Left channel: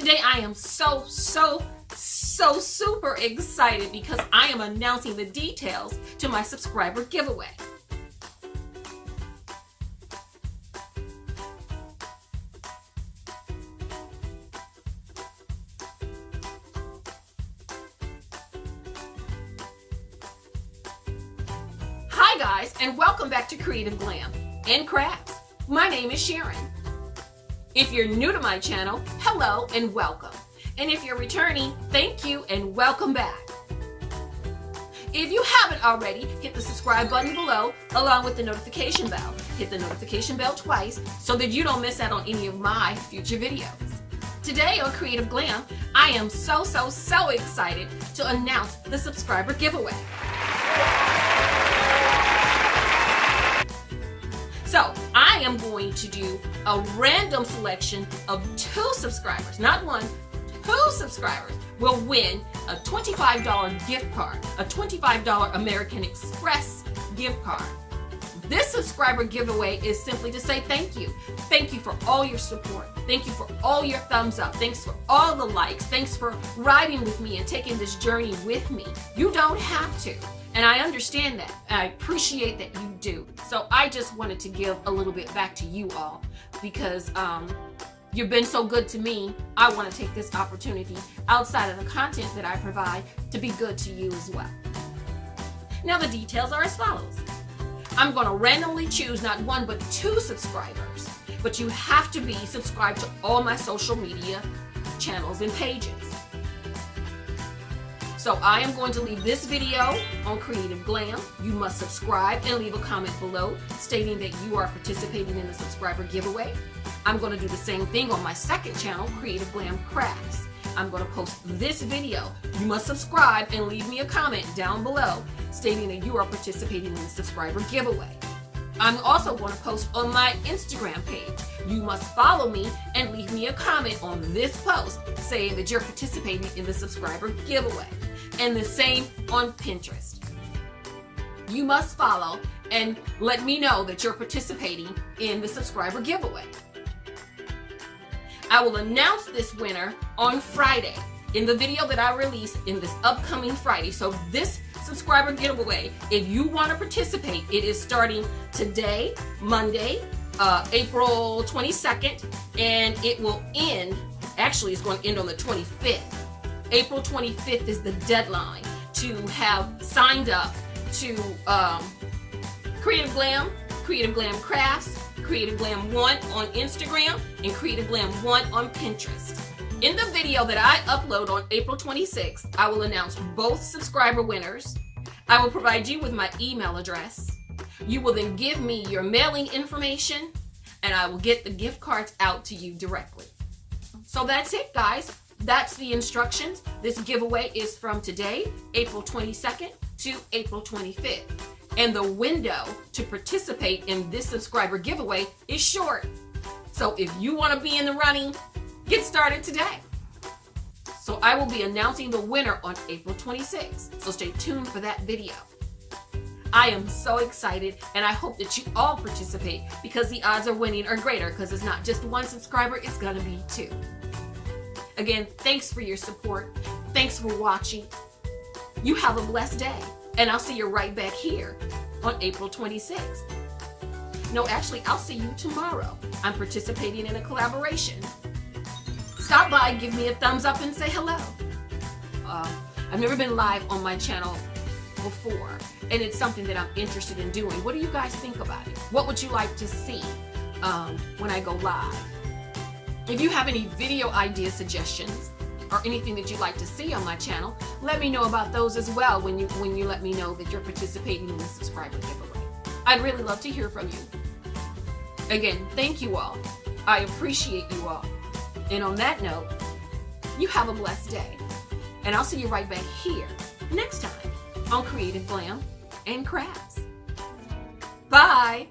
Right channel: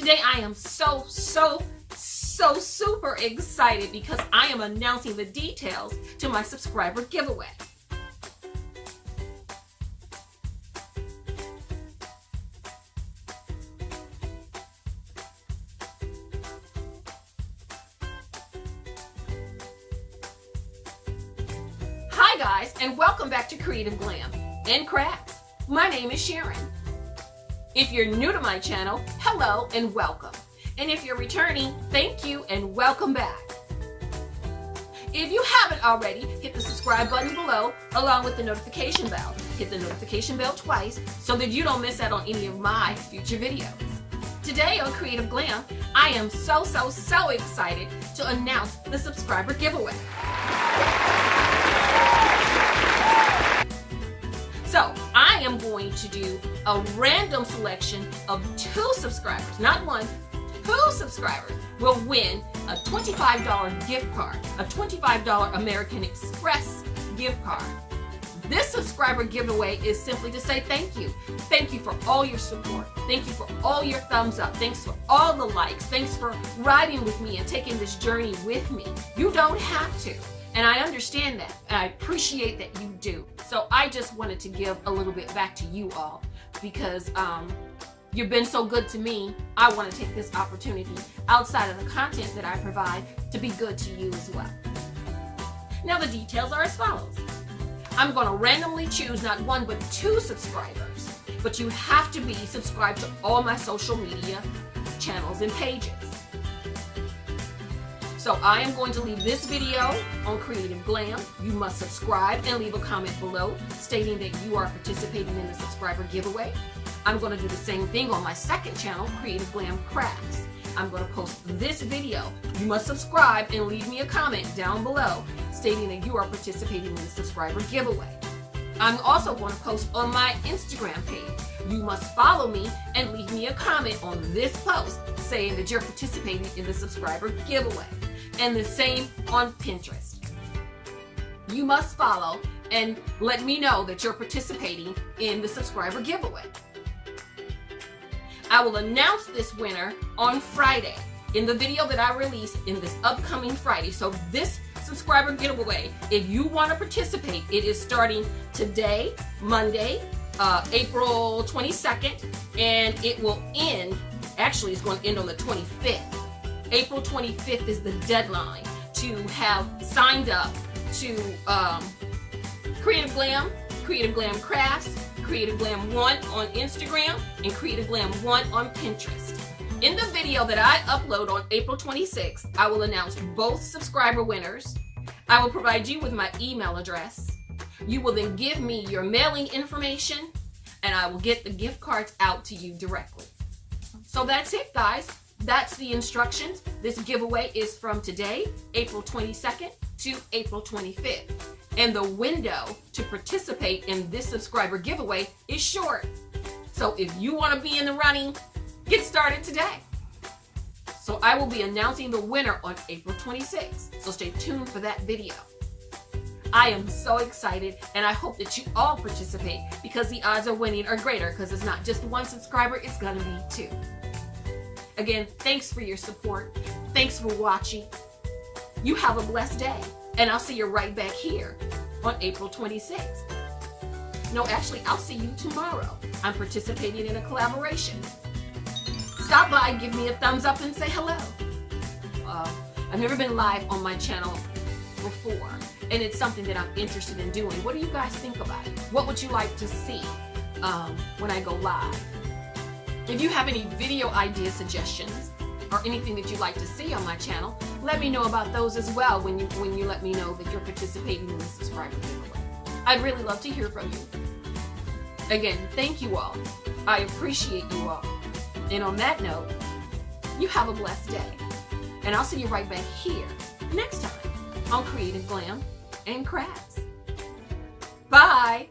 Today I am so super excited because I am announcing the details to my subscriber giveaway. Hi guys, and welcome back to Creative Glam and Crafts. My name is Sharon. If you're new to my channel, hello and welcome. And if you're returning, thank you and welcome back. If you haven't already, hit the subscribe button below along with the notification bell. Hit the notification bell twice so that you don't miss out on any of my future videos. Today on Creative Glam, I am so excited to announce the subscriber giveaway. So I am going to do a random selection of 2 subscribers, not 1, 2 subscribers will win a $25 gift card, a $25 American Express gift card. This subscriber giveaway is simply to say thank you. Thank you for all your support. Thank you for all your thumbs up. Thanks for all the likes. Thanks for riding with me and taking this journey with me. You don't have to. And I understand that, and I appreciate that you do. So I just wanted to give a little bit back to you all because you've been so good to me. I want to take this opportunity outside of the content that I provide to be good to you as well. Now the details are as follows. I'm going to randomly choose not 1 but 2 subscribers, but you have to be subscribed to all my social media channels and pages. So I am going to leave this video on Creative Glam. You must subscribe and leave a comment below stating that you are participating in the subscriber giveaway. I'm going to do the same thing on my second channel, Creative Glam Crafts. I'm going to post this video. You must subscribe and leave me a comment down below stating that you are participating in the subscriber giveaway. I'm also going to post on my Instagram page. You must follow me and leave me a comment on this post saying that you're participating in the subscriber giveaway. And the same on Pinterest. You must follow and let me know that you're participating in the subscriber giveaway. I will announce this winner on Friday in the video that I release in this upcoming Friday. So this subscriber giveaway, if you want to participate, it is starting today, Monday, April 22nd, and it will end, actually it's going to end on the 25th. April 25th is the deadline to have signed up to Creative Glam, Creative Glam Crafts, Creative Glam 1 on Instagram, and Creative Glam 1 on Pinterest. In the video that I upload on April 26th, I will announce both subscriber winners. I will provide you with my email address. You will then give me your mailing information, and I will get the gift cards out to you directly. So that's it, guys. That's the instructions. This giveaway is from today, April 22nd to April 25th. And the window to participate in this subscriber giveaway is short. So if you want to be in the running, get started today. So I will be announcing the winner on April 26th. So stay tuned for that video. I am so excited, and I hope that you all participate because the odds of winning are greater because it's not just 1 subscriber, it's going to be 2. Again, thanks for your support. Thanks for watching. You have a blessed day. And I'll see you right back here on April 26th. No, actually, I'll see you tomorrow. I'm participating in a collaboration. Stop by, give me a thumbs up, and say hello. I've never been live on my channel before, and it's something that I'm interested in doing. What do you guys think about it? What would you like to see when I go live? If you have any video idea suggestions or anything that you'd like to see on my channel, let me know about those as well when you let me know that you're participating in the subscriber giveaway. I'd really love to hear from you. Again, thank you all. I appreciate you all. And on that note, you have a blessed day. And I'll see you right back here next time on Creative Glam and Crafts. Bye.